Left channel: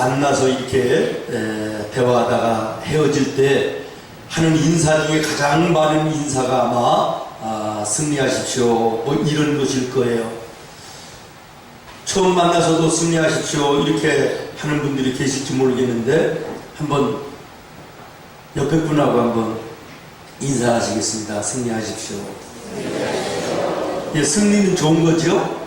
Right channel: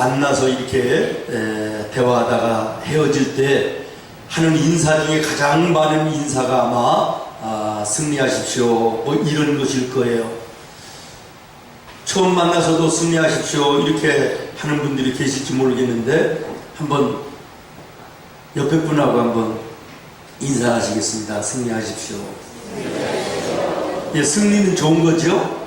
만나서 이렇게 대화하다가 헤어질 때 하는 인사 중에 가장 많은 인사가 아마 승리하십시오 뭐 이런 것일 거예요. 처음 만나서도 승리하십시오 이렇게 하는 분들이 계실지 모르겠는데 한번 옆에 분하고 한번 인사하시겠습니다. 승리하십시오. 예, 승리는 좋은 거죠.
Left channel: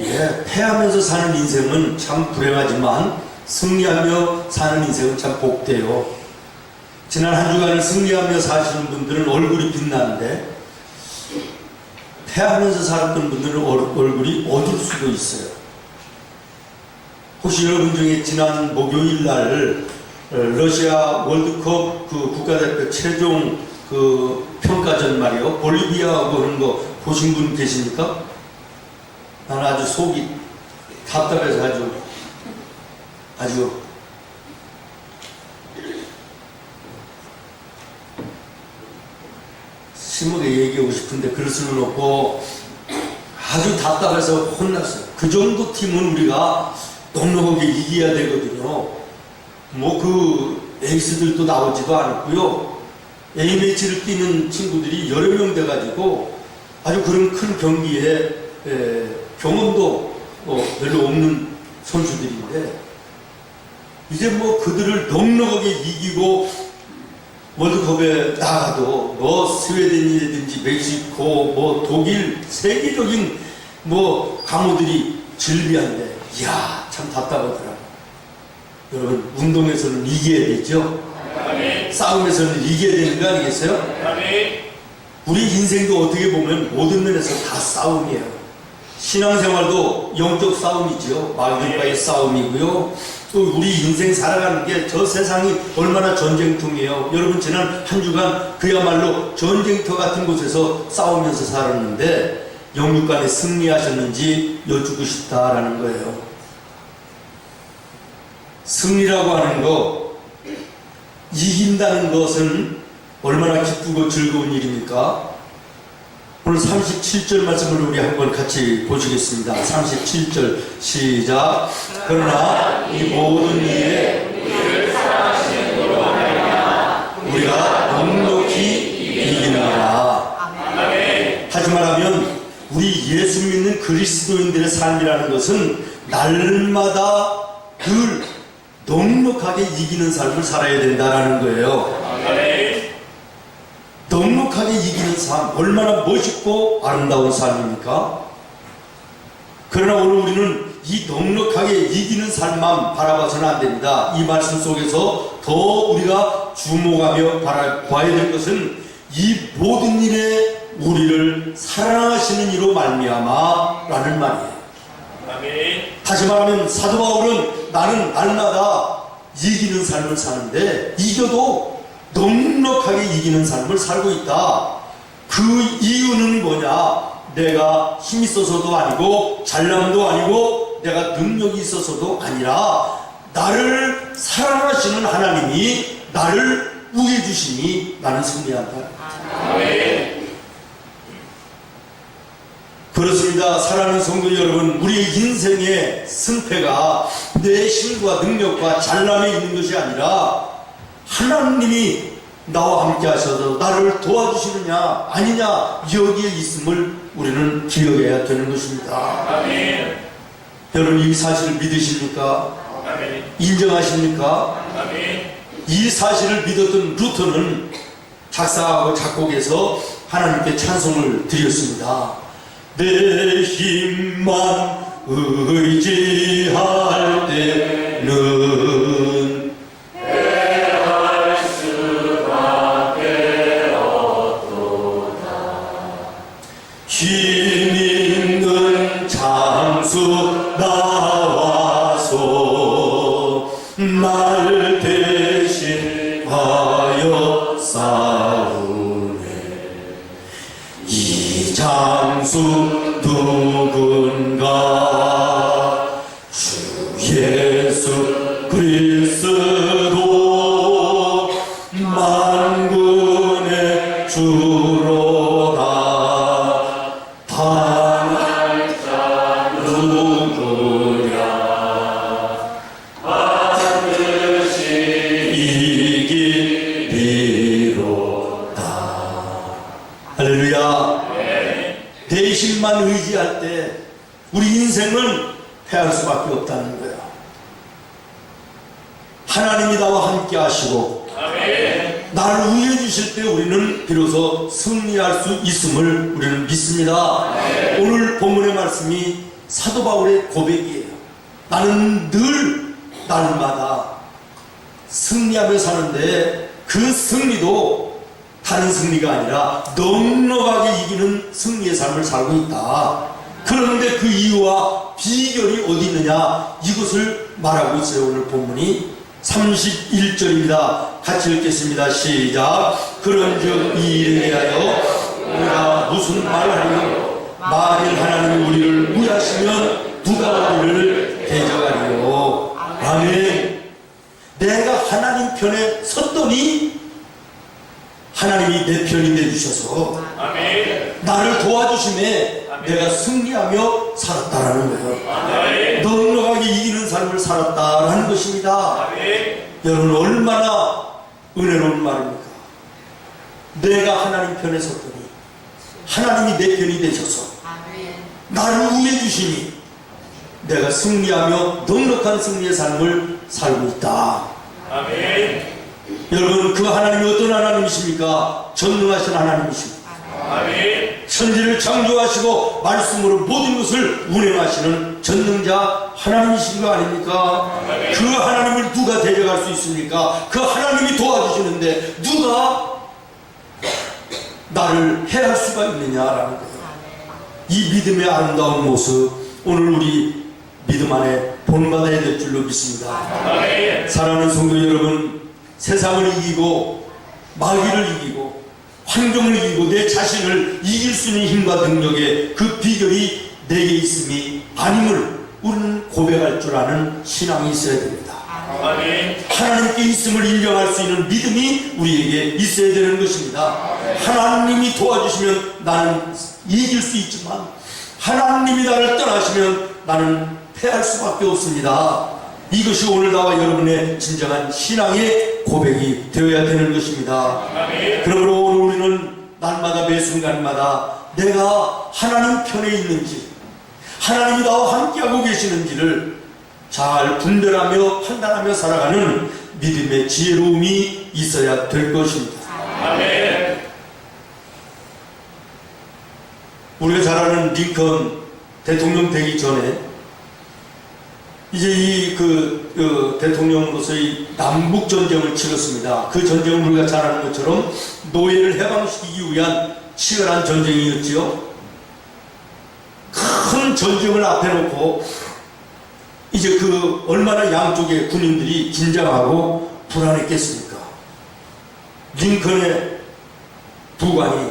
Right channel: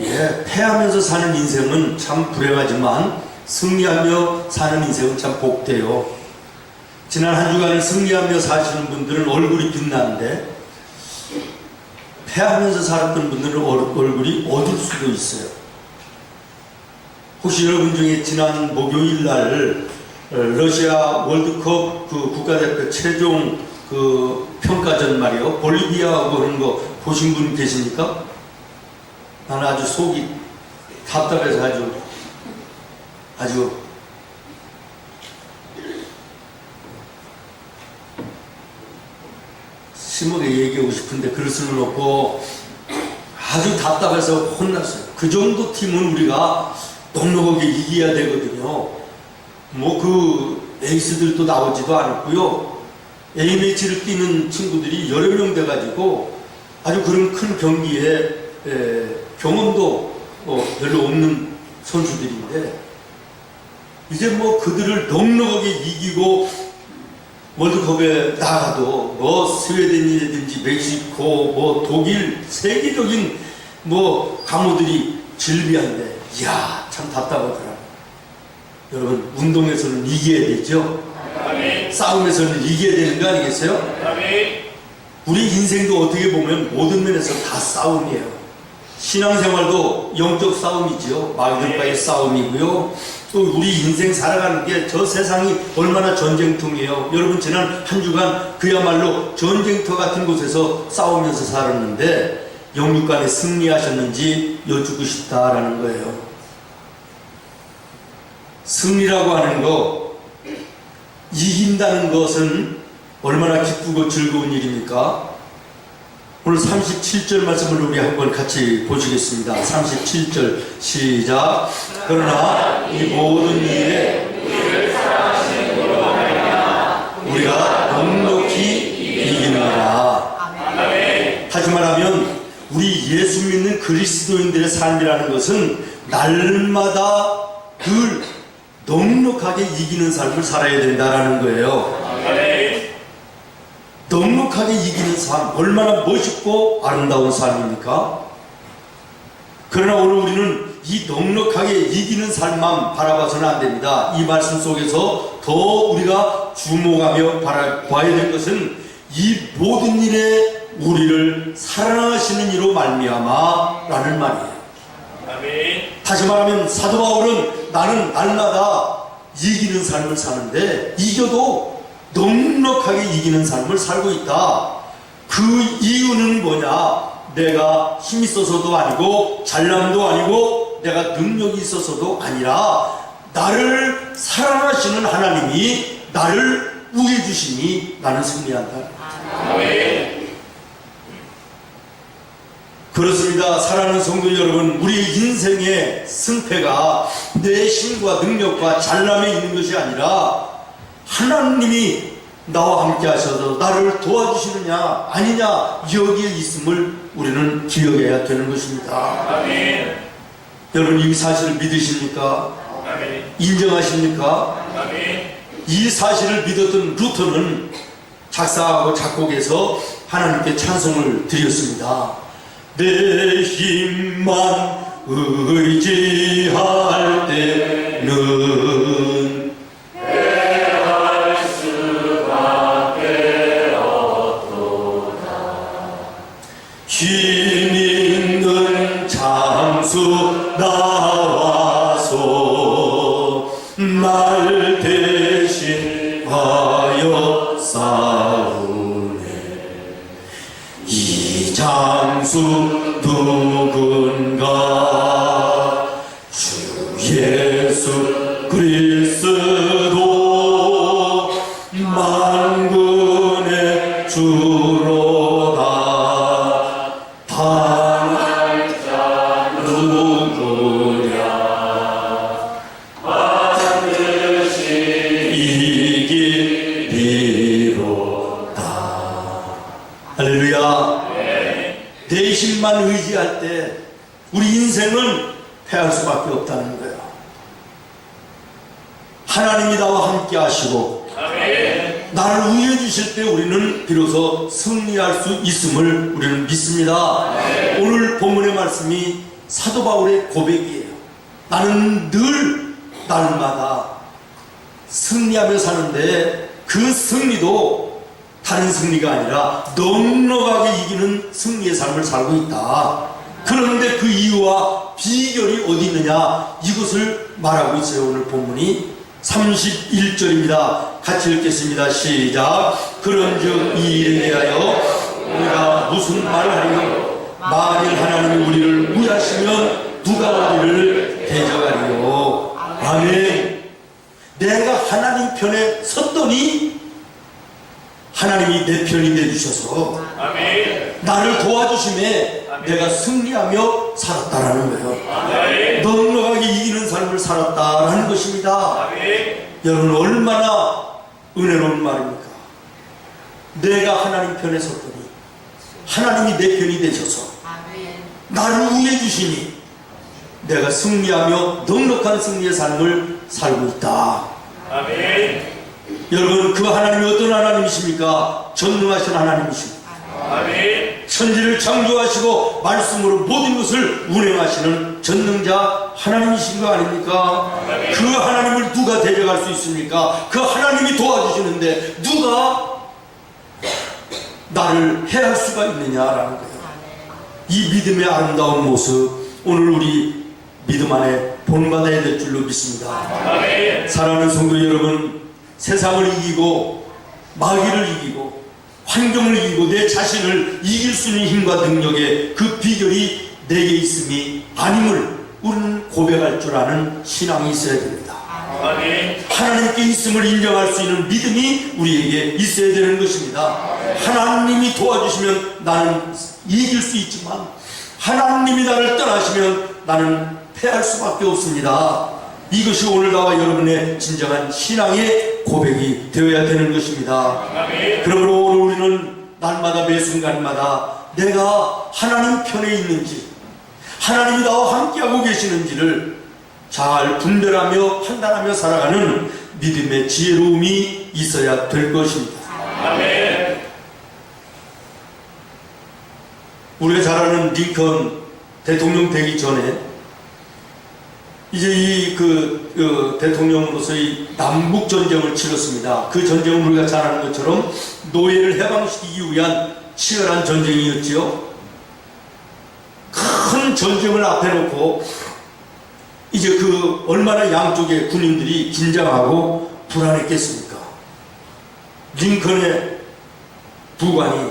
예, 패하면서 사는 인생은 참 불행하지만 승리하며 사는 인생은 참 복돼요. 지난 한 주간을 승리하며 사시는 분들은 얼굴이 빛나는데 패하면서 살았던 분들은 얼굴이 어두울 수도 있어요. 혹시 여러분 중에 지난 목요일 날 러시아 월드컵 그 국가대표 최종 그 평가전 말이요 볼리비아하고 그런 거 보신 분 계십니까? 나는 아주 속이 답답해서 아주 심하게 얘기하고 싶은데 그럴 수는 없고 아주 답답해서 혼났어요. 그 정도 팀은 우리가 넉넉하게 이겨야 되거든요. 뭐 그 에이스들도 나오지도 않았고요. A매치를 뛰는 친구들이 여러 명 돼가지고 아주 그런 큰 경기에 경험도 별로 없는 선수들인데 이제 뭐 그들을 넉넉하게 이기고 월드컵에 나가도 뭐 스웨덴이라든지 멕시코 뭐 독일 세계적인 뭐 강호들이 즐비한데 이야 참 답답하더라고요. 여러분 운동에서는 이겨야 되죠. 아멘. 싸움에서는 이겨야 되는 거 아니겠어요? 아멘. 우리 인생도 어떻게 보면 모든 면에서 다 싸움이에요. 신앙생활도 영적 싸움이죠. 말들과의 싸움이고요. 또 우리 인생 살아가는 게 저 세상이 얼마나 전쟁통이에요. 여러분 지난 한 주간 그야말로 전쟁터 같은 곳에서 싸우면서 살았는데 영육간에 승리하셨는지 여쭙고 싶다라는 거예요. 승리라고 하는 거, 이긴다는 것은 얼마나 기쁘고 즐거운 일입니까? 오늘 37절 말씀을 우리 한번 같이 보시겠습니다. 37절 시작. 그러나 이 모든 일에 우리를 사랑하시는 이로 말미암아 우리가 넉넉히 이기느니라. 다시 말하면 우리 예수 믿는 그리스도인들의 삶이라는 것은 날마다 늘 넉넉하게 이기는 삶을 살아야 된다는 거예요. 넉넉하게 이기는 삶, 얼마나 멋있고 아름다운 삶입니까? 그러나 오늘 우리는 이 넉넉하게 이기는 삶만 바라봐서는 안 됩니다. 이 말씀 속에서 더 우리가 주목하며 봐야 될 것은 이 모든 일에 우리를 사랑하시는 이로 말미암아 라는 말이에요. 아멘. 다시 말하면 사도 바울은 나는 날마다 이기는 삶을 사는데 이겨도 넉넉하게 이기는 삶을 살고 있다. 그 이유는 뭐냐? 내가 힘이 있어서도 아니고 잘남도 아니고 내가 능력이 있어서도 아니라 나를 사랑하시는 하나님이 나를 우게 주시니 나는 승리한다. 아멘. 그렇습니다. 사랑하는 성도 여러분, 우리의 인생의 승패가 내 힘과 능력과 잘남에 있는 것이 아니라 하나님이 나와 함께 하셔서 나를 도와주시느냐 아니냐 여기에 있음을 우리는 기억해야 되는 것입니다. 아멘. 여러분 이 사실을 믿으십니까? 아멘. 인정하십니까? 아멘. 이 사실을 믿었던 루터는 작사하고 작곡해서 하나님께 찬송을 드렸습니다. 내 힘만 의지할 때는 힘 있는 장수 나와서 날 대신하여 싸우네. 이 장수 누군가? 주 예수 그리스도 만군의 주로다. 당할 자 누구냐? 대신만 의지할 때 우리 인생은 패할 수밖에 없다는 거예요. 하나님이 나와 함께 하시고 나를 위해 주실 때 우리는 비로소 승리할 수 있음을 우리는 믿습니다. 오늘 본문의 말씀이 사도 바울의 고백이에요. 나는 늘 날마다 승리하며 사는데 그 승리도 다른 승리가 아니라 넉넉하게 이기는 승리의 삶을 살고 있다. 그런데 그 이유와 비결이 어디 있느냐, 이것을 말하고 있어요. 오늘 본문이 31절입니다. 같이 읽겠습니다. 시작. 그런즉 이 일에 대하여 우리가 무슨 말을 하리요? 만일 하나님이 우리를 위하시면 누가 우리를 대적하리요? 아멘. 내가 하나님 편에 섰더니 하나님이 내 편이 되주셔서 나를 도와주심에 내가 승리하며 살았다라는 거예요. 넉넉하게 이기는 삶을 살았다라는 것입니다. 여러분, 얼마나 은혜로운 말입니까? 내가 하나님 편에 섰더니 하나님이 내 편이 되셔서 나를 위해 주시니 내가 승리하며 넉넉한 승리의 삶을 살고 있다. 여러분, 그 하나님이 어떤 하나님이십니까? 전능하신 하나님이십니다. 천지를 창조하시고 말씀으로 모든 것을 운행하시는 전능자 하나님이신 거 아닙니까? 그 하나님을 누가 대적할 수 있습니까? 그 하나님이 도와주시는데 누가 나를 해할 수가 있느냐라는 거예요. 이 믿음의 아름다운 모습, 오늘 우리 믿음 안에 본받아야 될 줄로 믿습니다. 사랑하는 성도 여러분, 세상을 이기고 마귀를 이기고 환경을 이기고 내 자신을 이길 수 있는 힘과 능력의 그 비결이 내게 있음이 아님을 우리는 고백할 줄 아는 신앙이 있어야 됩니다. 하나님께 있음을 인정할 수 있는 믿음이 우리에게 있어야 되는 것입니다. 하나님이 도와주시면 나는 이길 수 있지만 하나님이 나를 떠나시면 나는 패할 수밖에 없습니다. 이것이 오늘 나와 여러분의 진정한 신앙의 고백이 되어야 되는 것입니다. 그러므로 오늘 우리는 날마다 매 순간마다 내가 하나님 편에 있는지, 하나님이 나와 함께하고 계시는지를 잘 분별하며 판단하며 살아가는 믿음의 지혜로움이 있어야 될 것입니다. 우리가 잘 아는 링컨 대통령 되기 전에 이제 이 대통령으로서의 남북 전쟁을 치렀습니다. 그 전쟁은 우리가 잘 아는 것처럼 노예를 해방시키기 위한 치열한 전쟁이었지요. 큰 전쟁을 앞에 놓고 이제 얼마나 양쪽의 군인들이 긴장하고 불안했겠습니까? 링컨의 부관이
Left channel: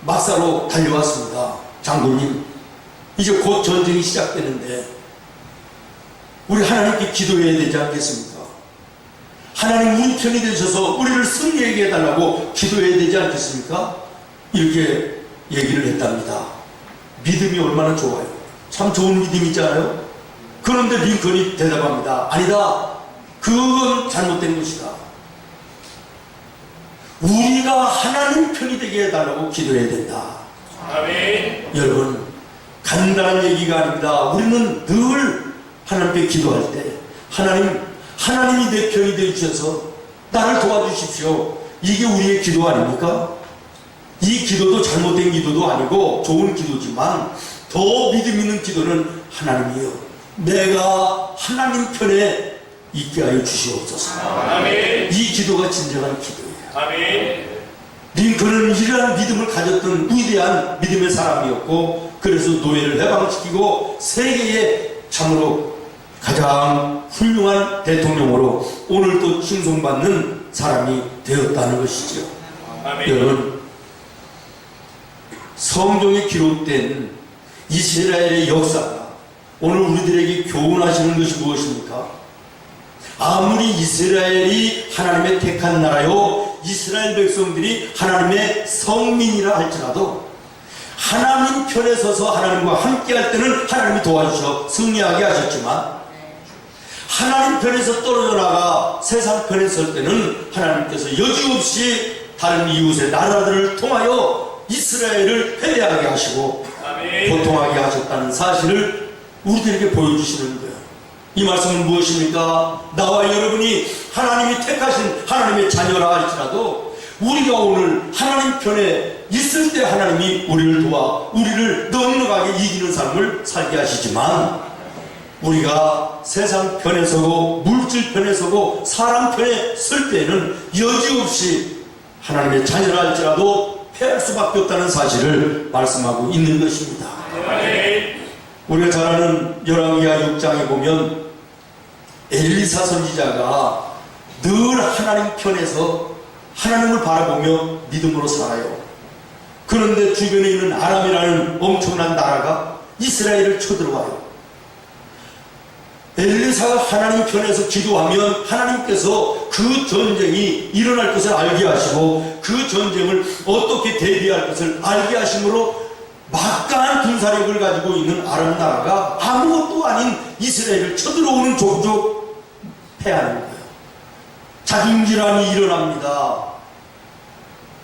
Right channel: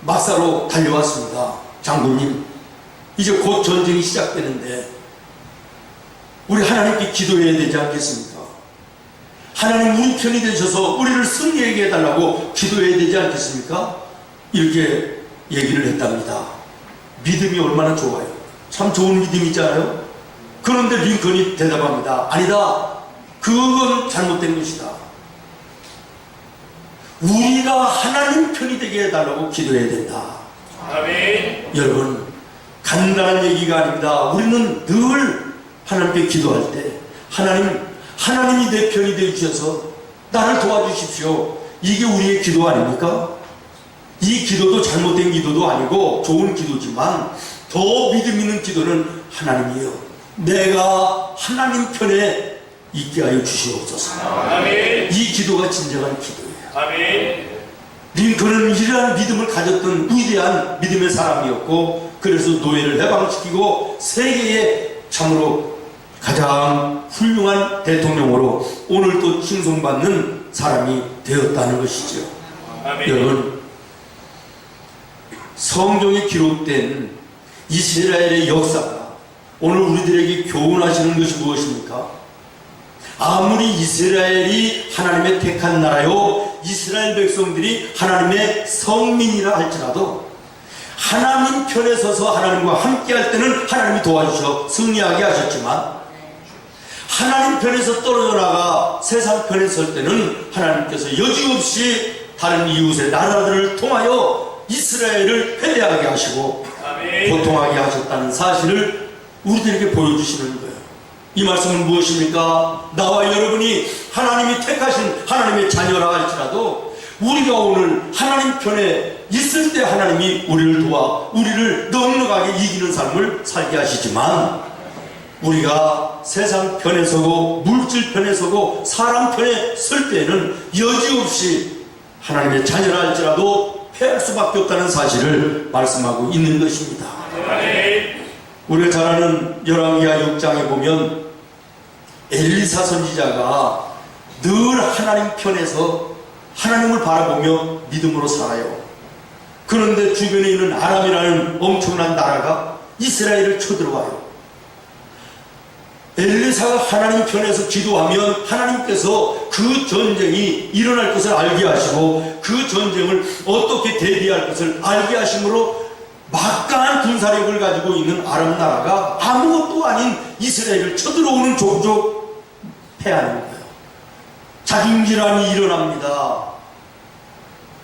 막사로 달려왔습니다. 장군님, 이제 곧 전쟁이 시작되는데 우리 하나님께 기도해야 되지 않겠습니까? 하나님 우리 편이 되셔서 우리를 승리하게 해달라고 기도해야 되지 않겠습니까? 이렇게 얘기를 했답니다. 믿음이 얼마나 좋아요. 참 좋은 믿음이잖아요. 그런데 링컨이 대답합니다. 아니다, 그건 잘못된 것이다. 우리가 하나님 편이 되게 해달라고 기도해야 된다. 아멘. 여러분, 간단한 얘기가 아닙니다. 우리는 늘 하나님께 기도할 때 하나님이 내 편이 되어주셔서 나를 도와주십시오. 이게 우리의 기도 아닙니까? 이 기도도 잘못된 기도도 아니고 좋은 기도지만 더 믿음 있는 기도는 하나님이요, 내가 하나님 편에 있게 하여 주시옵소서. 아멘. 이 기도가 진정한 기도예요. 아멘. 링컨은 이러한 믿음을 가졌던 위대한 믿음의 사람이었고, 그래서 노예를 해방시키고 세계에 참으로 가장 훌륭한 대통령으로 오늘도 칭송받는 사람이 되었다는 것이죠. 아멘. 여러분, 성경에 기록된 이스라엘의 역사가 오늘 우리들에게 교훈하시는 것이 무엇입니까? 아무리 이스라엘이 하나님의 택한 나라요, 이스라엘 백성들이 하나님의 성민이라 할지라도 하나님 편에 서서 하나님과 함께 할 때는 하나님이 도와주셔 승리하게 하셨지만, 하나님 편에서 떨어져 나가 세상 편에 설 때는 하나님께서 여지없이 다른 이웃의 나라들을 통하여 이스라엘을 회개하게 하시고 고통하게 하셨다는 사실을 우리들에게 보여주시는 거예요. 이 말씀은 무엇입니까? 나와 여러분이 하나님이 택하신 하나님의 자녀라 할지라도 우리가 오늘 하나님 편에 있을 때 하나님이 우리를 도와 우리를 넉넉하게 이기는 삶을 살게 하시지만, 우리가 세상 편에 서고 물질 편에 서고 사람 편에 설 때에는 여지없이 하나님의 자녀라 할지라도 패할 수밖에 없다는 사실을 말씀하고 있는 것입니다. 우리가 잘 아는 열왕기하 6장에 보면 엘리사 선지자가 늘 하나님 편에서 하나님을 바라보며 믿음으로 살아요. 그런데 주변에 있는 아람이라는 엄청난 나라가 이스라엘을 쳐들어와요. 엘리사가 하나님 편에서 기도하면 하나님께서 그 전쟁이 일어날 것을 알게 하시고 그 전쟁을 어떻게 대비할 것을 알게 하심으로 막강한 군사력을 가지고 있는 아람 나라가 아무것도 아닌 이스라엘을 쳐들어오는 족족 패하는 거예요. 자중질환이 일어납니다.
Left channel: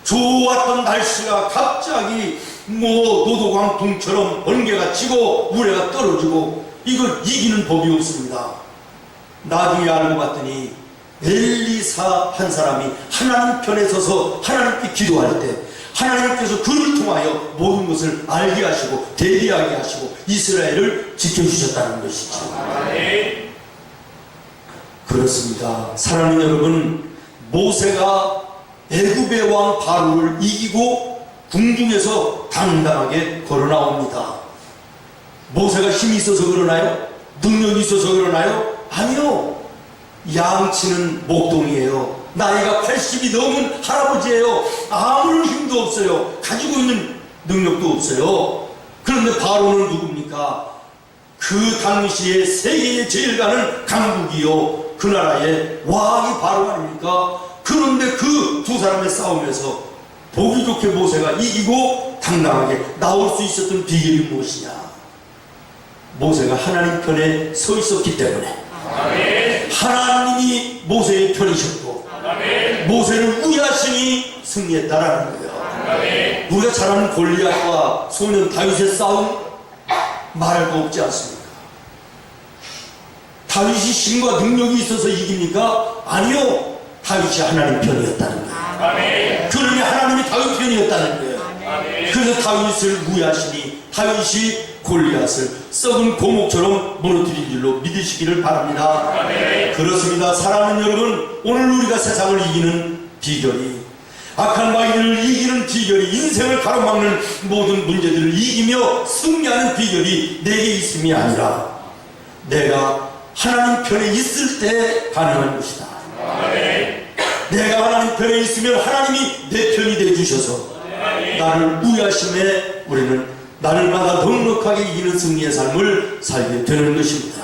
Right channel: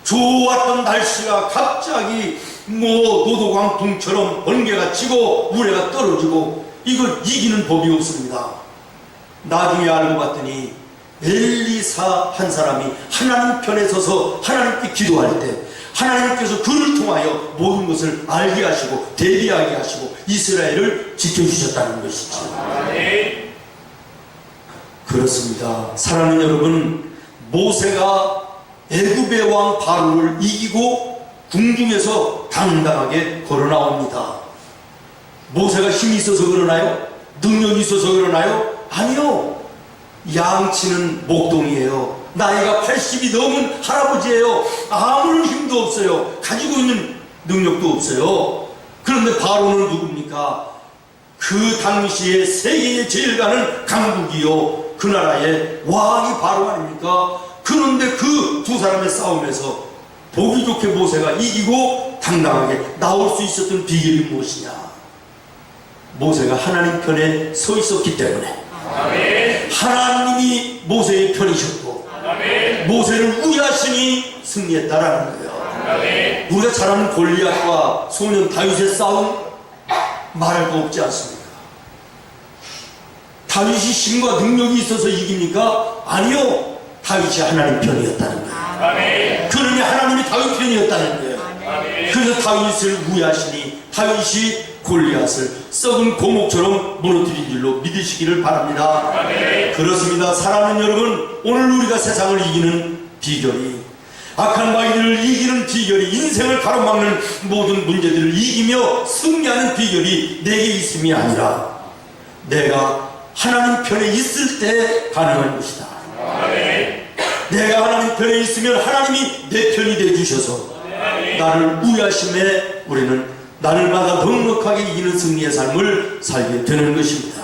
좋았던 날씨가 갑자기 노도광풍처럼 번개가 치고 우레가 떨어지고 이걸 이기는 법이 없습니다. 나중에 알고 봤더니 엘리사 한 사람이 하나님 편에 서서 하나님께 기도할 때 하나님께서 그를 통하여 모든 것을 알게 하시고 대비하게 하시고 이스라엘을 지켜주셨다는 것이죠. 그렇습니다. 사랑하는 여러분, 모세가 애굽의 왕 바로를 이기고 궁중에서 당당하게 걸어 나옵니다. 모세가 힘이 있어서 그러나요? 능력이 있어서 그러나요? 아니요. 양치는 목동이에요. 나이가 80이 넘은 할아버지예요. 아무런 힘도 없어요. 가지고 있는 능력도 없어요. 그런데 바로는 누굽니까? 그 당시에 세계에 제일 가는 강국이요, 그 나라의 왕이 바로 아닙니까? 그런데 그 두 사람의 싸움에서 보기 좋게 모세가 이기고 당당하게 나올 수 있었던 비결이 무엇이냐? 모세가 하나님 편에 서 있었기 때문에. 하나님이 모세의 편이셨고 모세를 우야신이 승리했다라는 거예요. 우리가 잘 아는 골리앗과 소년 다윗의 싸움 말할 거 없지 않습니까? 다윗이 힘과 능력이 있어서 이깁니까? 아니요. 다윗이 하나님 편이었다는 거예요. 그러니 하나님이 다윗 편이었다는 거예요. 그래서 다윗을 우야시니 다윗이 골리앗을 썩은 고목처럼 무너뜨린 줄로 믿으시기를 바랍니다. 그렇습니다. 사랑하는 여러분, 오늘 우리가 세상을 이기는 비결이, 악한 마귀를 이기는 비결이, 인생을 가로막는 모든 문제들을 이기며 승리하는 비결이 내게 있음이 아니라 내가 하나님 편에 있을 때 가능한 것이다. 내가 하나님 편에 있으면 하나님이 내 편이 되어주셔서 나를 우야심에 우리는 날마다 넉넉하게 이기는 승리의 삶을 살게 되는 것입니다.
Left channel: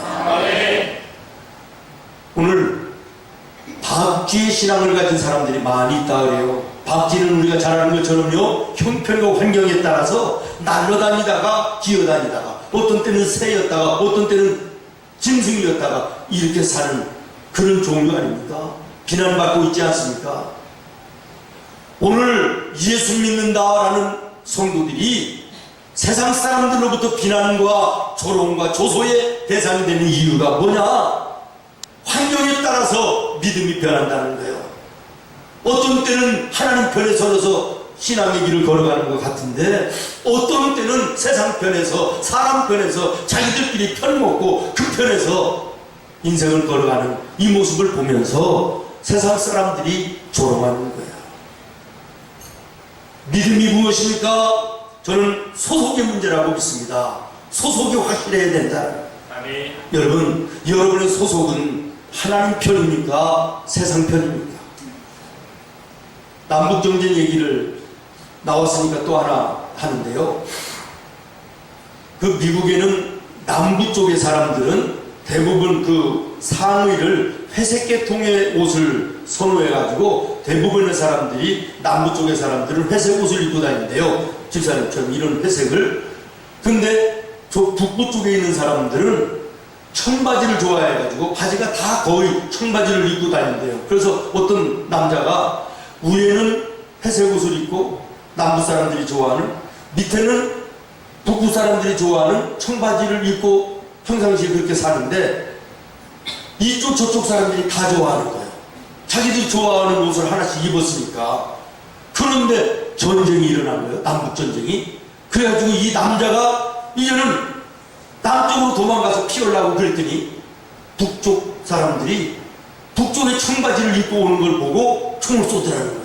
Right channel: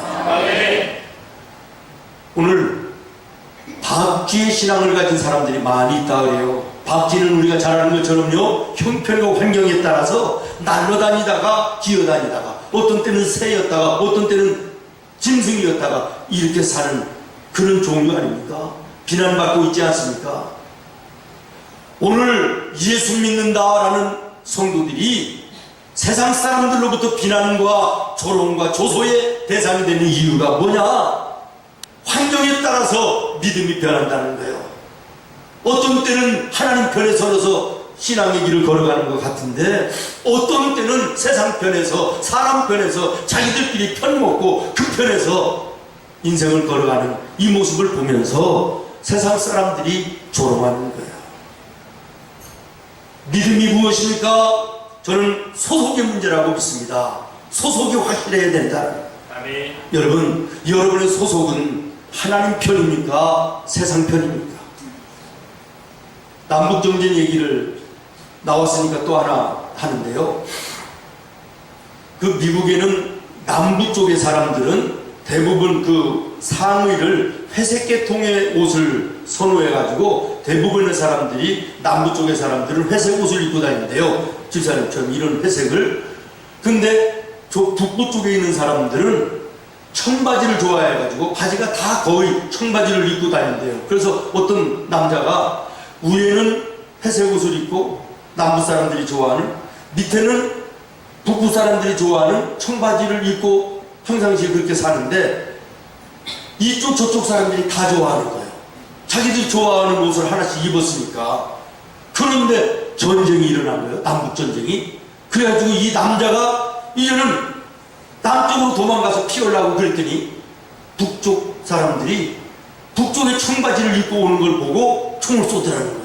오늘 박쥐의 신앙을 가진 사람들이 많이 있다 그래요. 박쥐는 우리가 잘 아는 것처럼요, 형편과 환경에 따라서 날아다니다가 기어다니다가 어떤 때는 새였다가 어떤 때는 짐승이었다가 이렇게 사는 그런 종류 아닙니까? 비난받고 있지 않습니까? 오늘 예수 믿는다라는 성도들이 세상 사람들로부터 비난과 조롱과 조소의 대상이 되는 이유가 뭐냐? 환경에 따라서 믿음이 변한다는 거예요. 어떤 때는 하나님 편에 서서 신앙의 길을 걸어가는 것 같은데 어떤 때는 세상 편에서 사람 편에서 자기들끼리 편먹고 그 편에서 인생을 걸어가는 이 모습을 보면서 세상 사람들이 조롱하는 거예요. 믿음이 무엇입니까? 저는 소속의 문제라고 믿습니다. 소속이 확실해야 된다. 아멘. 여러분, 여러분의 소속은 하나님 편입니까? 세상 편입니까? 남북정전 얘기를 나왔으니까 또 하나 하는데요. 그 미국에는 남부 쪽의 사람들은 대부분 그 상의를 회색 계통의 옷을 선호해가지고 대부분의 사람들이 남부 쪽의 사람들은 회색 옷을 입고 다니는데요. 집사님처럼 이런 회색을. 근데 북부 쪽에 있는 사람들은 청바지를 좋아해가지고 바지가 다 거의 청바지를 입고 다닌대요. 그래서 어떤 남자가 위에는 회색 옷을 입고 남부 사람들이 좋아하는, 밑에는 북부 사람들이 좋아하는 청바지를 입고 평상시에 그렇게 사는데, 이쪽 저쪽 사람들이 다 좋아하는 거예요. 자기들이 좋아하는 옷을 하나씩 입었으니까. 그런데 전쟁이 일어난 거예요. 남북전쟁이. 그래가지고 이 남자가 이제는 남쪽으로 도망가서 피하려고 그랬더니 북쪽 사람들이 북쪽에 청바지를 입고 오는 걸 보고 총을 쏘더라는 거예요.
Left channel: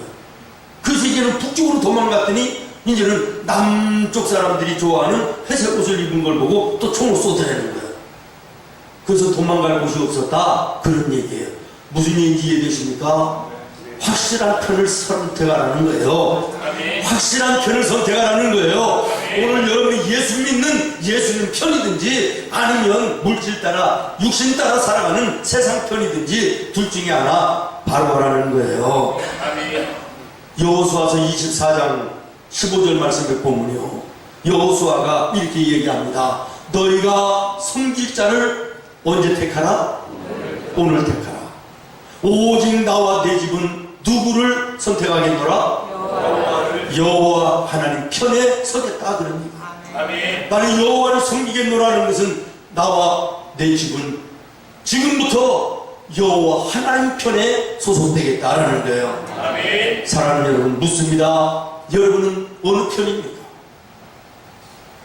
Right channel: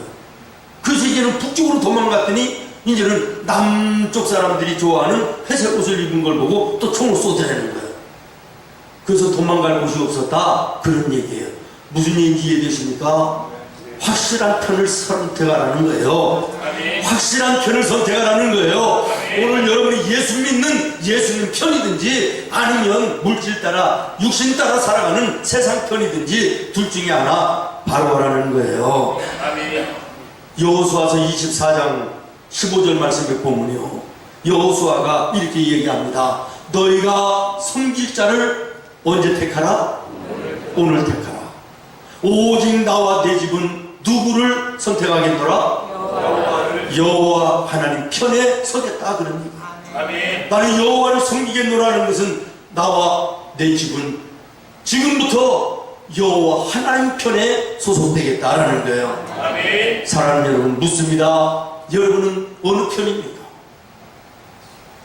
그래서 이제는 북쪽으로 도망갔더니 이제는 남쪽 사람들이 좋아하는 회색 옷을 입은 걸 보고 또 총을 쏘더라는 거예요. 그래서 도망갈 곳이 없었다, 그런 얘기예요. 무슨 얘기인지 이해되십니까? 확실한 편을 선택하라는 거예요. 확실한 편을 선택하라는 거예요. 오늘 여러분이 예수 믿는 예수님 편이든지 아니면 물질 따라 육신 따라 살아가는 세상 편이든지 둘 중에 하나 바로 하라는 거예요. 여호수아서 24장 15절 말씀에 보면요, 여호수아가 이렇게 얘기합니다. 너희가 섬길 자를 언제 택하라? 오늘 택하라. 오직 나와 내 집은 누구를 선택하겠노라? 여호와 하나님 편에 서겠다, 그럽니다. 나는 여호와를 섬기겠노라는 것은 나와 내 집은 지금부터 여호와 하나님 편에 소속되겠다라는 거예요. 사랑하는 여러분, 묻습니다. 여러분은 어느 편입니까?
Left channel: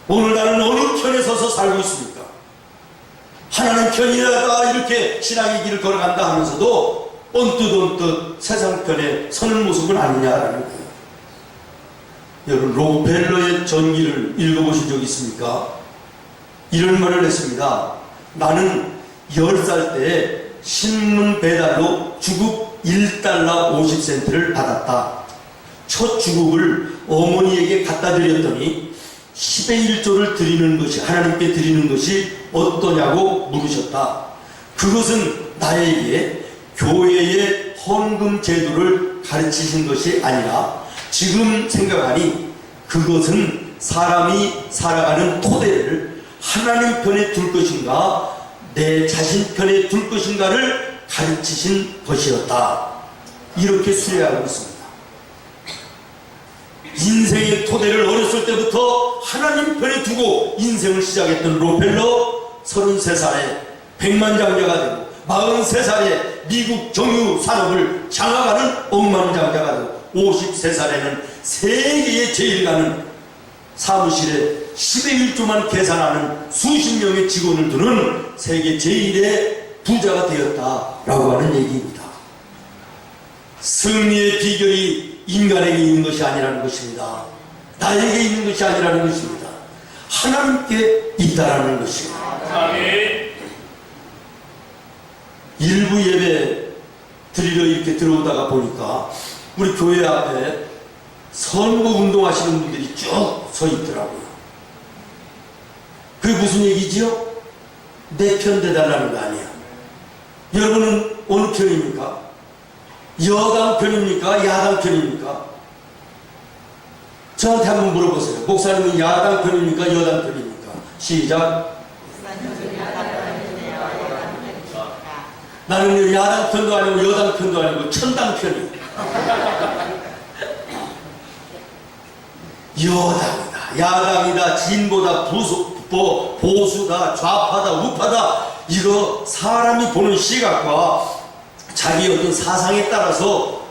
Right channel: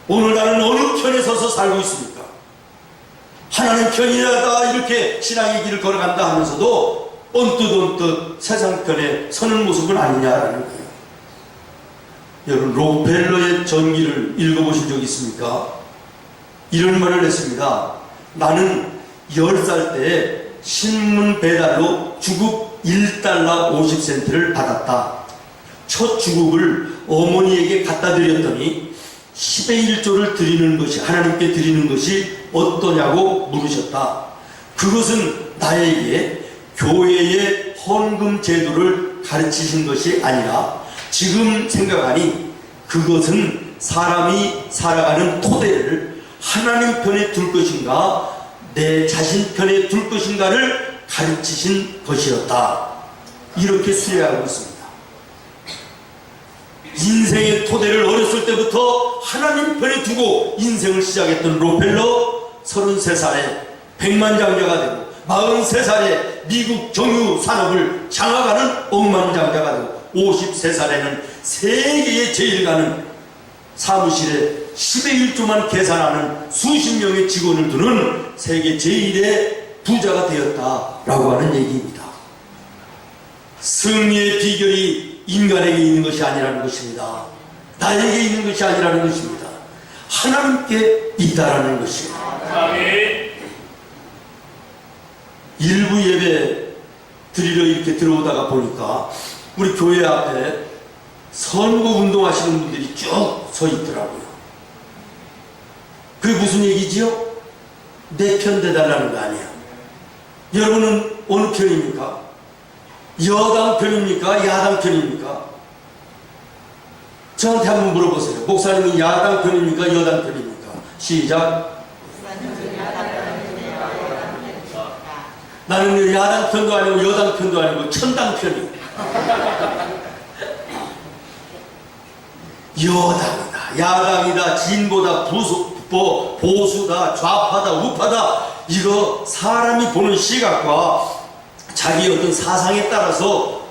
오늘 나는 어느 편에 서서 살고 있습니까? 하나님 편이라다 이렇게 신앙의 길을 걸어간다 하면서도 언뜻 세상 편에 서는 모습은 아니냐라는 거예요. 여러분, 록펠러의 전기를 읽어보신 적 있습니까? 이런 말을 했습니다. 나는 10살 때 신문 배달로 주급 1달러 50센트를 받았다. 첫 주급을 어머니에게 갖다 드렸더니 10의 1조를 드리는 것이, 하나님께 드리는 것이 어떠냐고 물으셨다. 그것은 나에게 교회의 헌금 제도를 가르치신 것이 아니라 지금 생각하니 그것은 사람이 살아가는 토대를 하나님 편에 둘 것인가 내 자신 편에 둘 것인가를 가르치신 것이었다. 이렇게 수레하고 있습니다. 인생의 토대를 어렸을 때부터 하나님 편에 두고 인생을 시작했던 록펠러, 33살에 백만장자가 되고 43살에 미국 정유 산업을 장악하는 억만장자가 되고 53살에는 세계에 제일 가는 사무실에 10의 1조만 계산하는 수십 명의 직원을 두는 세계 제일의 부자가 되었다라고 하는 얘기입니다. 승리의 비결이 인간에게 있는 것이 아니라는 것입니다. 나에게 있는 것이 아니라는 것입니다. 하나님께 있다라는 것입니다. 일부 예배 드리러 이렇게 들어오다가 보니까 우리 교회 앞에 선거 운동하시는 분들이 쭉 서 있더라고요. 그게 무슨 얘기지요? 내 편 대달라는 거 아니야. 여러분은 어느 편입니까? 여당 편입니까? 야당 편입니까? 저한테 한번 물어보세요. 목사님은 야당 편입니까? 여당 편입니까? 시작. 나는 야당 편도 아니고 여당 편도 아니고 천당 편이에요. 여당이다, 야당이다, 진보다, 보수다, 좌파다, 우파다, 이거 사람이 보는 시각과 자기 어떤 사상에 따라서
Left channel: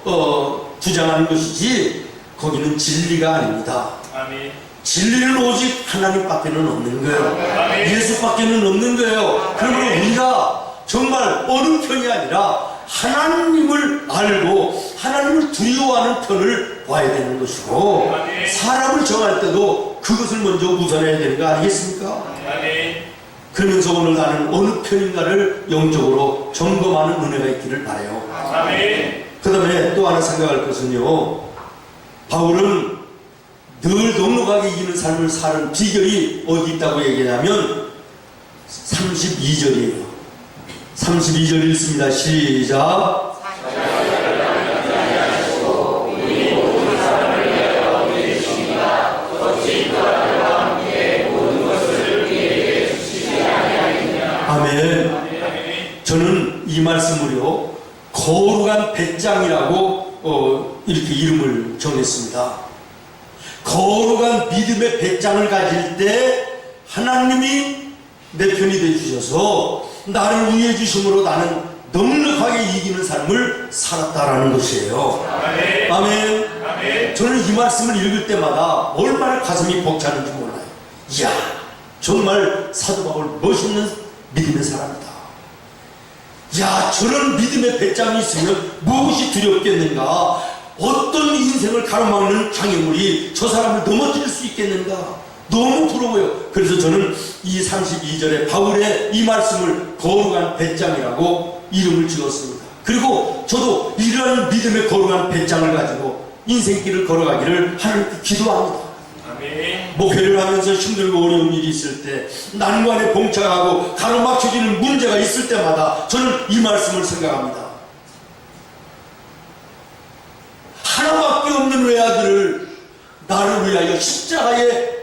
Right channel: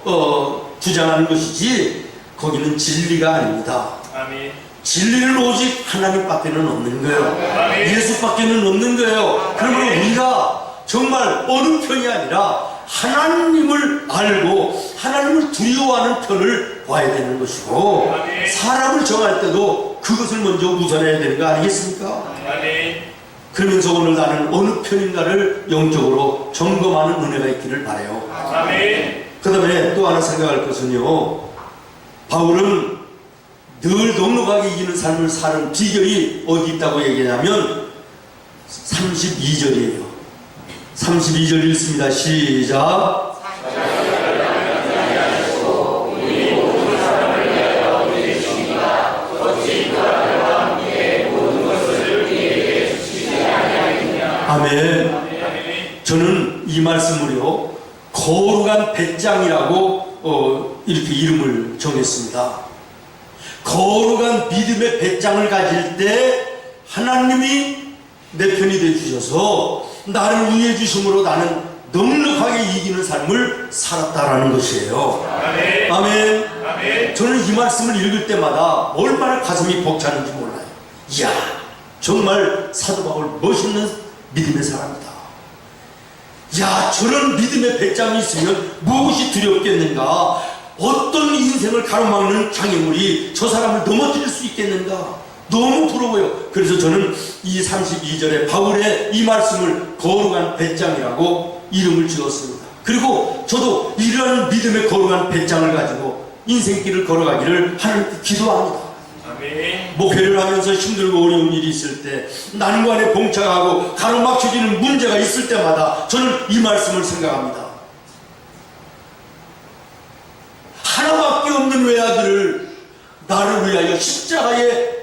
주장하는 것이지 거기는 진리가 아닙니다. 아멘. 진리는 오직 하나님밖에는 없는 거예요. 아멘. 예수밖에는 없는 거예요. 그러면 우리가 정말 어느 편이 아니라 하나님을 알고 하나님을 두려워하는 편을 봐야 되는 것이고, 아멘. 사람을 정할 때도 그것을 먼저 우선해야 되는 거 아니겠습니까? 아멘. 그러면서 오늘 나는 어느 편인가를 영적으로 점검하는 은혜가 있기를 바라요. 아멘. 그 다음에 또 하나 생각할 것은요, 바울은 늘 넉넉하게 이기는 삶을 사는 비결이 어디 있다고 얘기하냐면 32절이에요. 32절 읽습니다. 시작. 아멘. 저는 이 말씀을요, 거룩한 배짱이라고 이렇게 이름을 정했습니다. 거룩한 믿음의 배짱을 가질 때 하나님이 내 편이 되어주셔서 나를 위해 주심으로 나는 넉넉하게 이기는 삶을 살았다라는 것이에요. 아멘. 아멘. 아멘. 저는 이 말씀을 읽을 때마다 얼마나 가슴이 벅차는지 몰라요. 이야, 정말 사도 바울 멋있는 믿음의 사람이다. 야, 저런 믿음의 배짱이 있으면 무엇이 두렵겠는가? 어떤 인생을 가로막는 장애물이 저 사람을 넘어뜨릴 수 있겠는가? 너무 부러워요. 그래서 저는 이 32절에 바울의 이 말씀을 거룩한 배짱이라고 이름을 지었습니다. 그리고 저도 이러한 믿음의 거룩한 배짱을 가지고 인생길을 걸어가기를 하나님께 기도합니다. 아멘. 목회를 하면서 힘들고 어려운 일이 있을 때, 난관에 봉착하고 가로막혀지는 문제가 있을 때마다 저는 이 말씀을 생각합니다. 하나밖에 없는 외아들을 나를 위하여 십자가에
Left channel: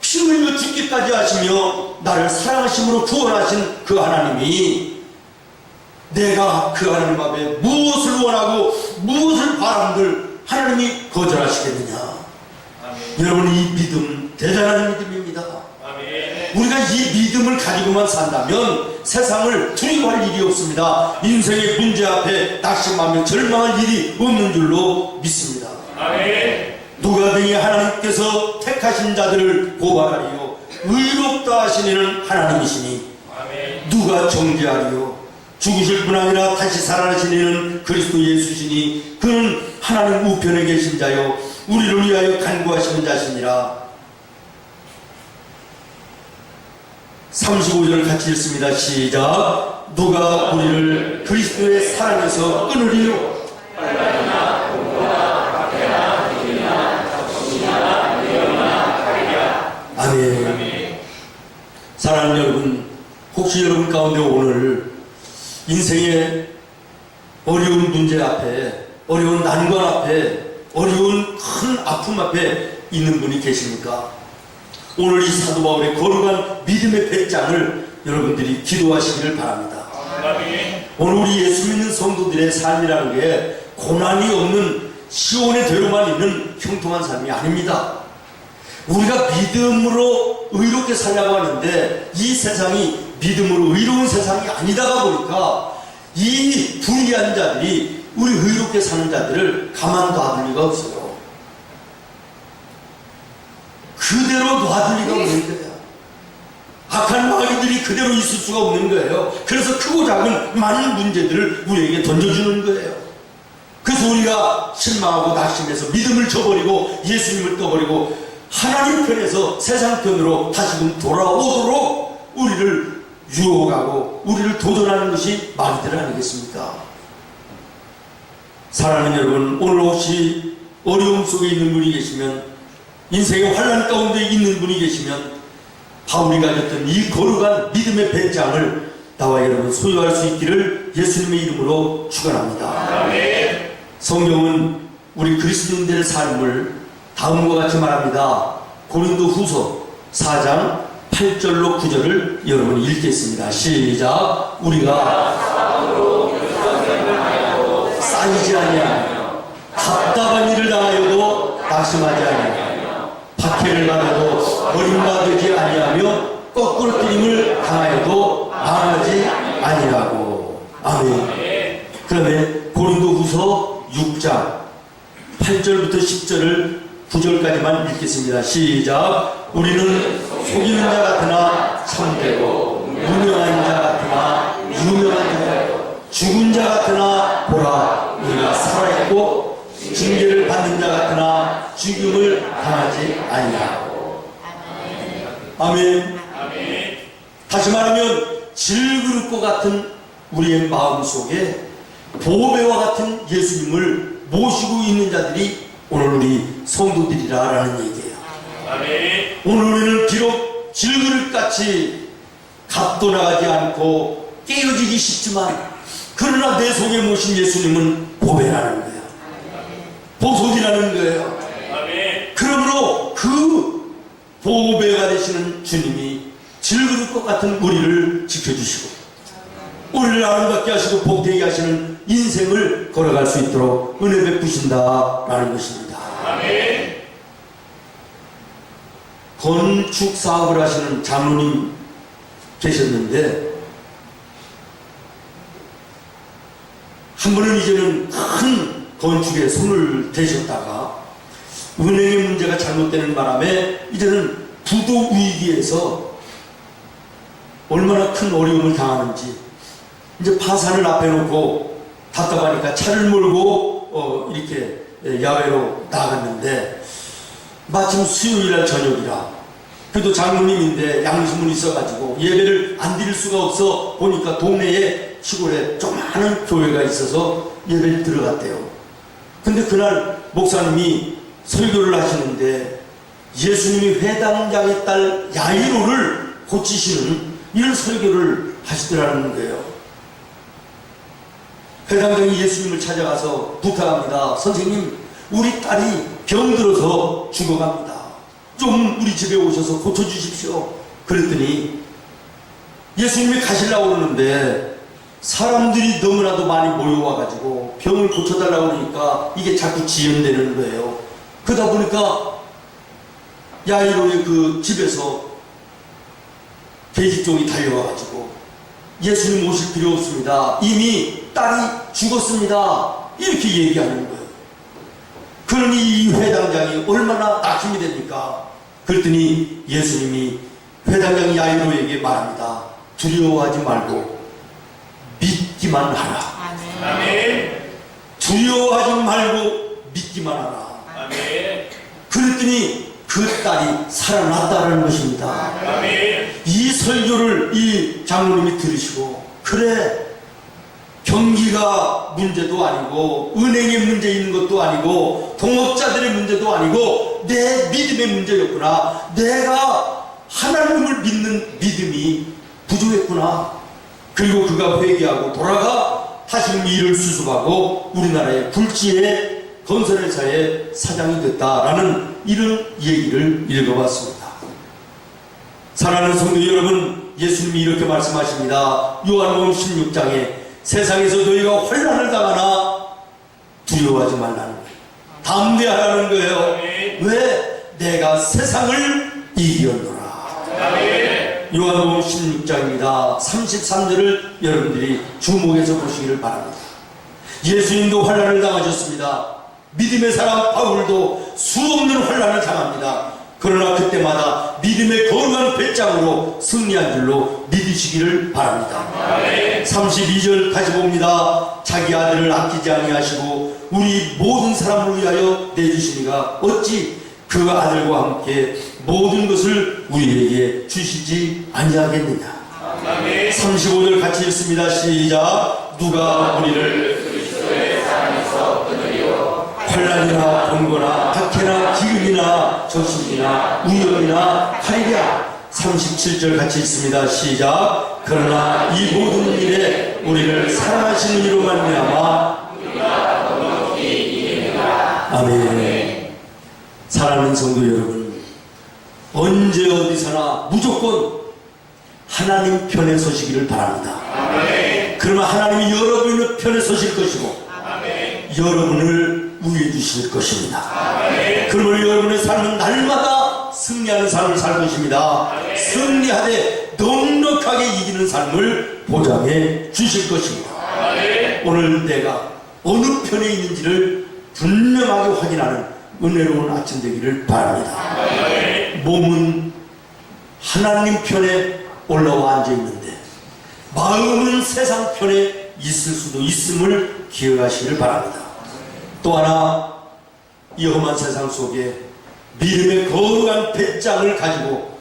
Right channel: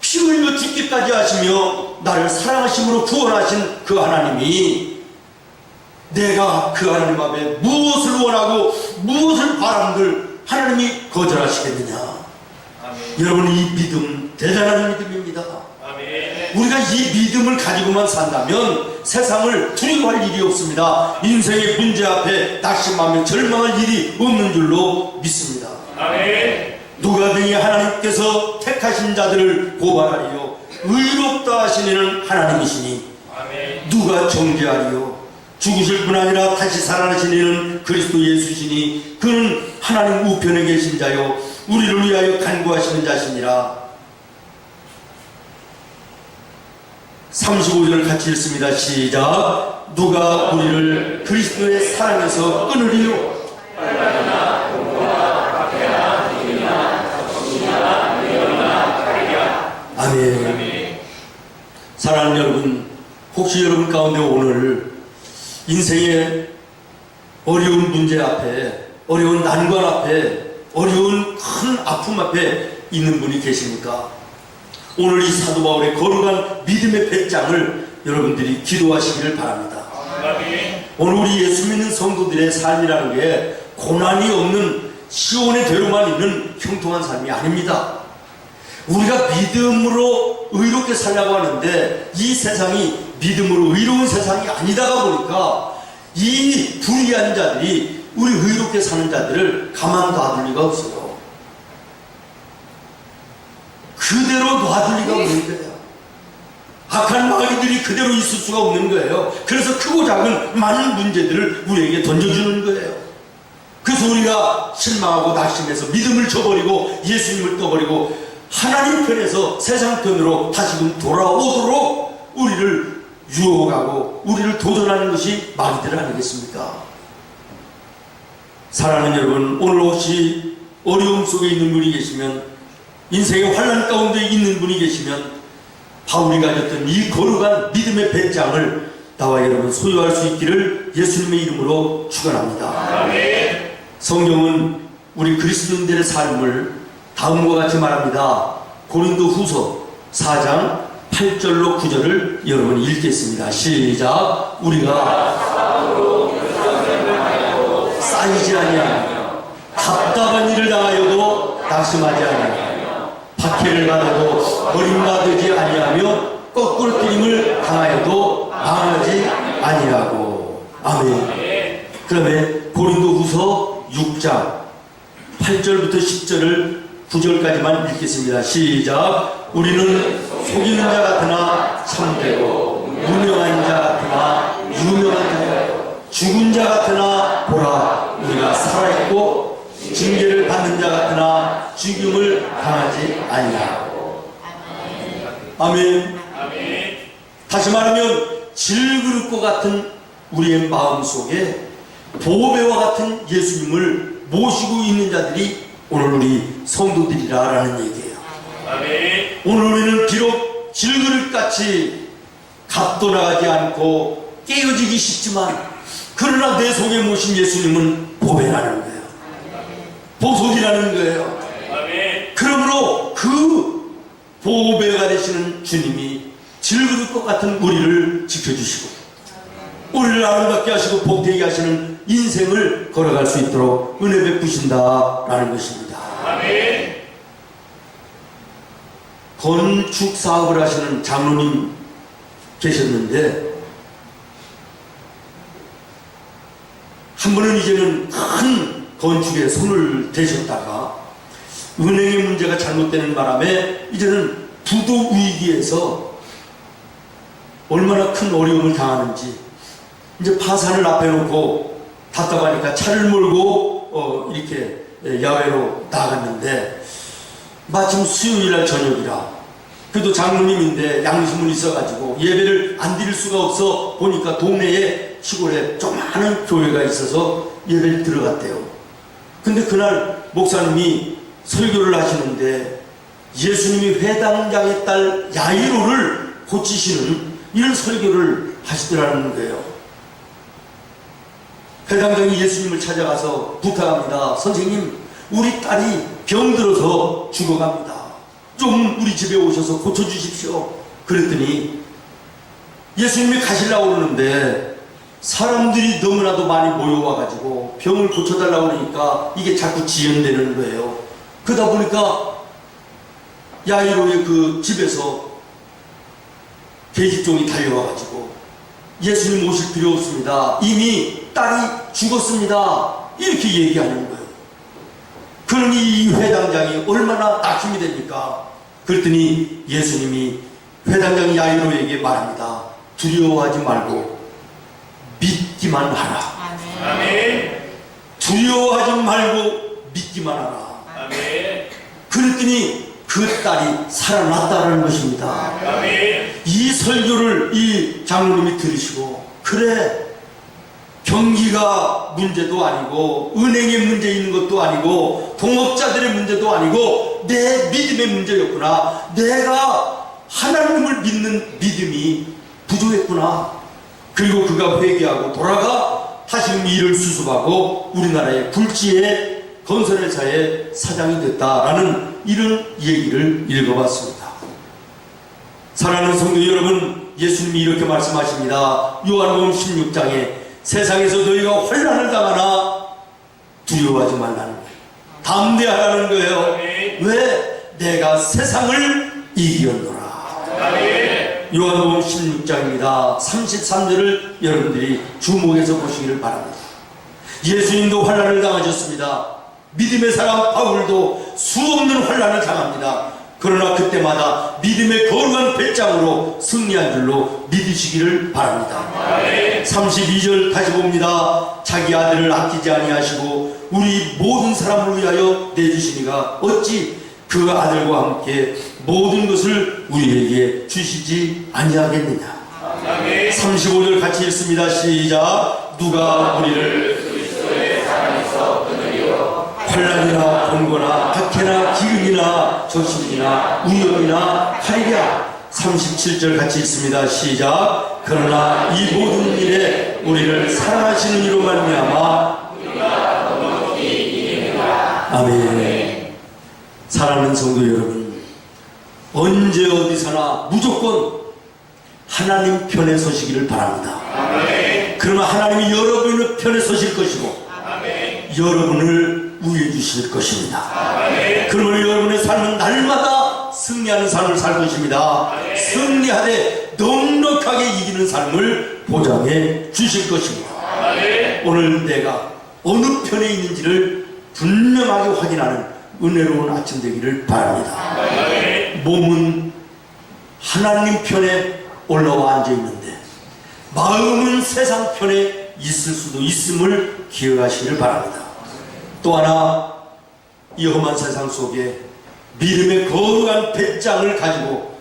피 흘려 죽기까지 하시며 나를 사랑하심으로 구원하신 그 하나님이 내가 그 하나님 앞에 무엇을 원하고 무엇을 바람들 하나님이 거절하시겠느냐. 아멘. 여러분, 이 믿음 대단한 믿음입니다. 아멘. 우리가 이 믿음을 가지고만 산다면 세상을 두려워할 일이 없습니다. 인생의 문제 앞에 낙심하며 절망할 일이 없는 줄로 믿습니다. 아멘. 누가 등에 하나님께서 택하신 자들을 고발하리요 의롭다 하시는 하나님이시니 아멘. 누가 정죄하리요 죽으실 뿐 아니라 다시 살아나신 이는 그리스도 예수시니 그는 하나님 우편에 계신 자요 우리를 위하여 간구하시는 자시니라. 35절 같이 읽습니다. 시작. 누가 우리를 그리스도의 사랑에서 끊으리요. 아멘. 사랑하는 여러분, 혹시 여러분 가운데 오늘 인생의 어려운 문제 앞에, 어려운 난관 앞에, 어려운 큰 아픔 앞에 있는 분이 계십니까? 오늘 이 사도 바울의 거룩한 믿음의 배짱을 여러분들이 기도하시기를 바랍니다. 아멘. 오늘 우리 예수 믿는 성도들의 삶이라는 게 고난이 없는 시온의 대로만 있는 형통한 삶이 아닙니다. 우리가 믿음으로 의롭게 살려고 하는데 이 세상이 믿음으로 의로운 세상이 아니다가 보니까 이 불의한 자들이 우리 의롭게 사는 자들을 가만 놔둘 리가 없어요. 그대로 놔둘 리가 없는 거예요. 악한 마귀들이 그대로 있을 수가 없는 거예요. 그래서 크고 작은 많은 문제들을 우리에게 던져주는 거예요. 그래서 우리가 실망하고 낙심해서 믿음을 저버리고 예수님을 떠버리고 하나님 편에서 세상 편으로 다시금 돌아오도록 우리를 유혹하고 우리를 도전하는 것이 마귀들 아니겠습니까? 사랑하는 여러분, 오늘 혹시 어려움 속에 있는 분이 계시면, 인생의 환난 가운데 있는 분이 계시면 바울이 가졌던 이 거룩한 믿음의 배짱을 나와 여러분 소유할 수 있기를 예수님의 이름으로 축원합니다. 아멘. 성경은 우리 그리스도인들의 삶을 다음과 같이 말합니다. 고린도 후서 4장 8절로 9절을 여러분 읽겠습니다. 시작. 우리가 쌓이지 아니하며 답답한 일을 당하여도 낙심하지 아니하며 박해를 받아도 버림받지 아니하며 거꾸로 뛰림을 당하여도 망하지 아니하고. 아멘. 그다음에 고린도 후서 6장 8절부터 10절을 9절까지만 읽겠습니다. 시작. 우리는 속이는 자 같으나 참되고 무명한 자 같으나 유명한 자요 죽은 자 같으나 보라 우리가 살아있고 징계를 받는 자 같으나 죽임을 당하지 아니하고. 아멘. 아멘. 다시 말하면 질그릇과 같은 우리의 마음속에 보배와 같은 예수님을 모시고 있는 자들이 오늘 우리 성도들이라는 얘기예요. 아멘. 오늘 우리는 비록 질그릇같이 값도 나가지 않고 깨어지기 쉽지만 그러나 내 속에 모신 예수님은 보배라는 거예요. 보석이라는 거예요. 아멘. 그러므로 그 보배가 되시는 주님이 질그릇과 같은 우리를 지켜주시고 우리를 아름답게 하시고 복되게 하시는 인생을 걸어갈 수 있도록 은혜 베푸신다라는 것입니다. 아멘. 건축 사업을 하시는 장로님 계셨는데, 한 분은 이제는 큰 건축에 손을 대셨다가 은행의 문제가 잘못되는 바람에 이제는 부도 위기에서 얼마나 큰 어려움을 당하는지, 이제 파산을 앞에 놓고 답답하니까 차를 몰고 이렇게 야외로 나갔는데, 마침 수요일날 저녁이라, 그래도 장로님인데 양심은 있어가지고 예배를 안 드릴 수가 없어 보니까 동네에 시골에 조그마한 교회가 있어서 예배를 들어갔대요. 근데 그날 목사님이 설교를 하시는데 예수님이 회당장의 딸 야이로를 고치시는 이런 설교를 하시더라는 거예요. 회당장이 예수님을 찾아가서 부탁합니다. 선생님, 우리 딸이 병들어서 죽어갑니다. 좀 우리 집에 오셔서 고쳐주십시오. 그랬더니 예수님이 가시려고 그러는데 사람들이 너무나도 많이 모여와가지고 병을 고쳐달라고 그러니까 이게 자꾸 지연되는 거예요. 그러다 보니까 야이로의 그 집에서 계집종이 달려와가지고 예수님 오실 필요 없습니다. 이미 딸이 죽었습니다. 이렇게 얘기하는 거예요. 그러니 이 회당장이 얼마나 낙심이 됩니까? 그랬더니 예수님이 회당장 야이로에게 말합니다. 두려워하지 말고 믿기만 하라. 아멘. 두려워하지 말고 믿기만 하라. 아멘. 그랬더니 그 딸이 살아났다는 것입니다. 아멘. 이 설교를 이 장로님이 들으시고, 그래, 경기가 문제도 아니고 은행에 문제 있는 것도 아니고 동업자들의 문제도 아니고 내 믿음의 문제였구나. 내가 하나님을 믿는 믿음이 부족했구나. 그리고 그가 회개하고 돌아가 다시금 일을 수습하고 우리나라의 불지의 건설회사의 사장이 됐다라는 이런 얘기를 읽어봤습니다. 사랑하는 성도 여러분, 예수님이 이렇게 말씀하십니다. 요한복음 16장에 세상에서 너희가 혼란을 당하나 두려워하지 말라는 거예요. 담대하라는 거예요. 왜? 내가 세상을 이기었노라. 요한복음 16장입니다. 33절을 여러분들이 주목해서 보시기를 바랍니다. 예수님도 혼란을 당하셨습니다. 믿음의 사람 바울도 수없는 혼란을 당합니다. 그러나 그때마다 믿음의 거룩한 배짱으로 승리한 줄로 믿으시기를 바랍니다. 32절 다시 봅니다. 자기 아들을 아끼지 아니하시고 우리 모든 사람을 위하여 내주시니가 어찌 그 아들과 함께 모든 것을 우리에게 주시지 아니하겠느냐. 35절 같이 읽습니다. 시작. 누가 우리를 그리스도의 사랑에서 끊으리요. 환난이나 번거나 박해나 기근이나 적신이나 위험이나 칼이랴. 37절 같이 읽습니다. 시작. 그러나 이 모든 일에 우리를 사랑하시는 이로 말미암아 우리가 넉넉히 이기리라. 아멘. 사랑하는 성도 여러분, 언제 어디서나 무조건 하나님 편에 서시기를 바랍니다. 아멘. 그러면 하나님이 여러분의 편에 서실 것이고 아멘. 여러분을 위해 주실 것입니다. 아멘. 그러면 여러분의 삶은 날마다 승리하는 삶을 살 것입니다. 아멘. 승리하되 넉넉하게 이기는 삶을 보장해 주실 것입니다. 아멘. 오늘 내가 어느 편에 있는지를 분명하게 확인하는 은혜로운 아침 되기를 바랍니다. 아멘. 몸은 하나님 편에 올라와 앉아있는데 마음은 세상 편에 있을 수도 있음을 기억하시기를 바랍니다. 또 하나, 이 험한 세상 속에 믿음의 거룩한 배짱을 가지고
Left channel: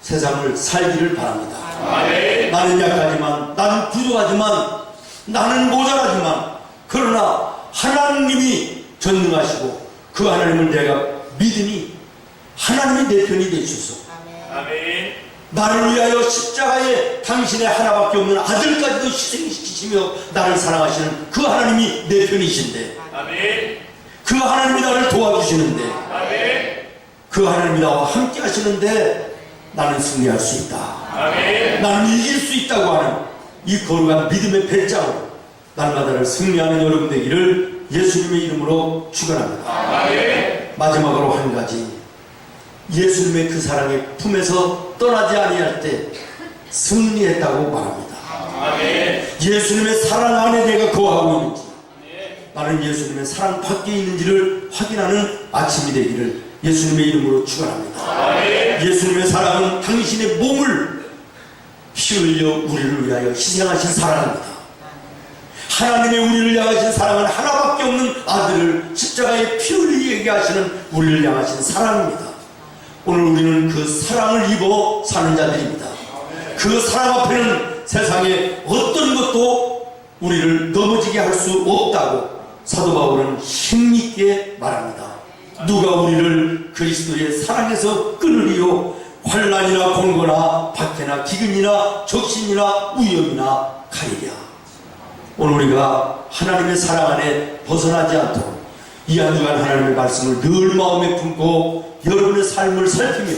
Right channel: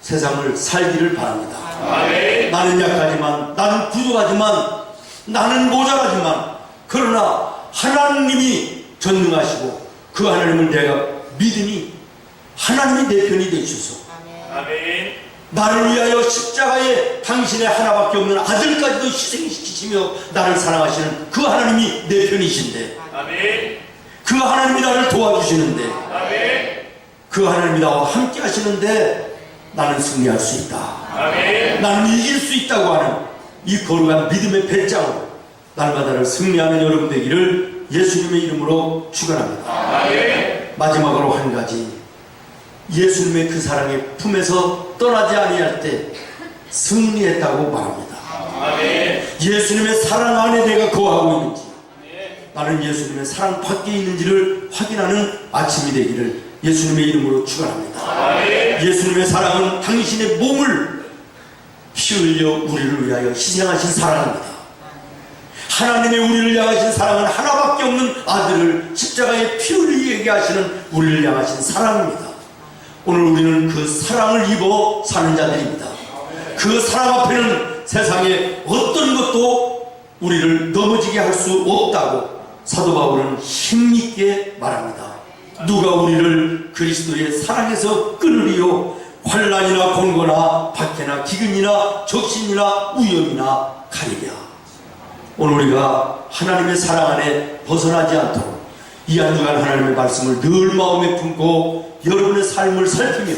세상을 살기를 바랍니다. 아멘. 나는 약하지만, 나는 부족하지만, 나는 모자라지만, 그러나 하나님이 전능하시고 그 하나님을 내가 믿으니 하나님이 내 편이 되시소. 아멘. 나를 위하여 십자가에 당신의 하나밖에 없는 아들까지도 희생시키시며 나를 사랑하시는 그 하나님이 내 편이신데, 아멘. 그 하나님이 나를 도와주시는데, 아멘. 그 하나님이 나와 함께 하시는데 나는 승리할 수 있다. 아멘. 나는 이길 수 있다고 하는 이 거룩한 믿음의 배짱으로 날마다를 승리하는 여러분 되기를 예수님의 이름으로 축원합니다. 아멘. 마지막으로 한 가지, 예수님의 그 사랑의 품에서 떠나지 아니할 때 승리했다고 말합니다. 아멘. 예수님의 사랑 안에 내가 거하고 있는지, 나는 예수님의 사랑 밖에 있는지를 확인하는 아침이 되기를 예수님의 이름으로 축원합니다. 아멘. 예수님의 사랑은 당신의 몸을 피 흘려 우리를 위하여 희생하신 사랑입니다. 하나님의 우리를 향하신 사랑은 하나밖에 없는 아들을 십자가에 피 흘리게 하시는 우리를 향하신 사랑입니다. 오늘 우리는 그 사랑을 입어 사는 자들입니다. 그 사랑 앞에는 세상에 어떤 것도 우리를 넘어지게 할 수 없다고 사도 바울은 힘있게 말합니다. 누가 우리를 그리스도의 사랑에서 끊으리요? 환난이나 공고나 박해나 기근이나 적신이나 위험이나 가리랴. 오늘 우리가 하나님의 사랑 안에 벗어나지 않도록 이 한 주간 하나님의 말씀을 늘 마음에 품고 여러분의 삶을 살피며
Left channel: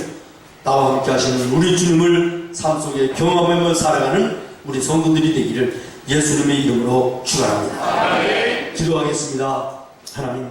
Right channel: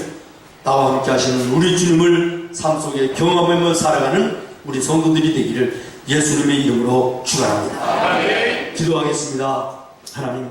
나와 함께 하시는 우리 주님을 삶 속에 경험하며 살아가는 우리 성도들이 되기를 예수님의 이름으로 축원합니다. 기도하겠습니다. 하나님,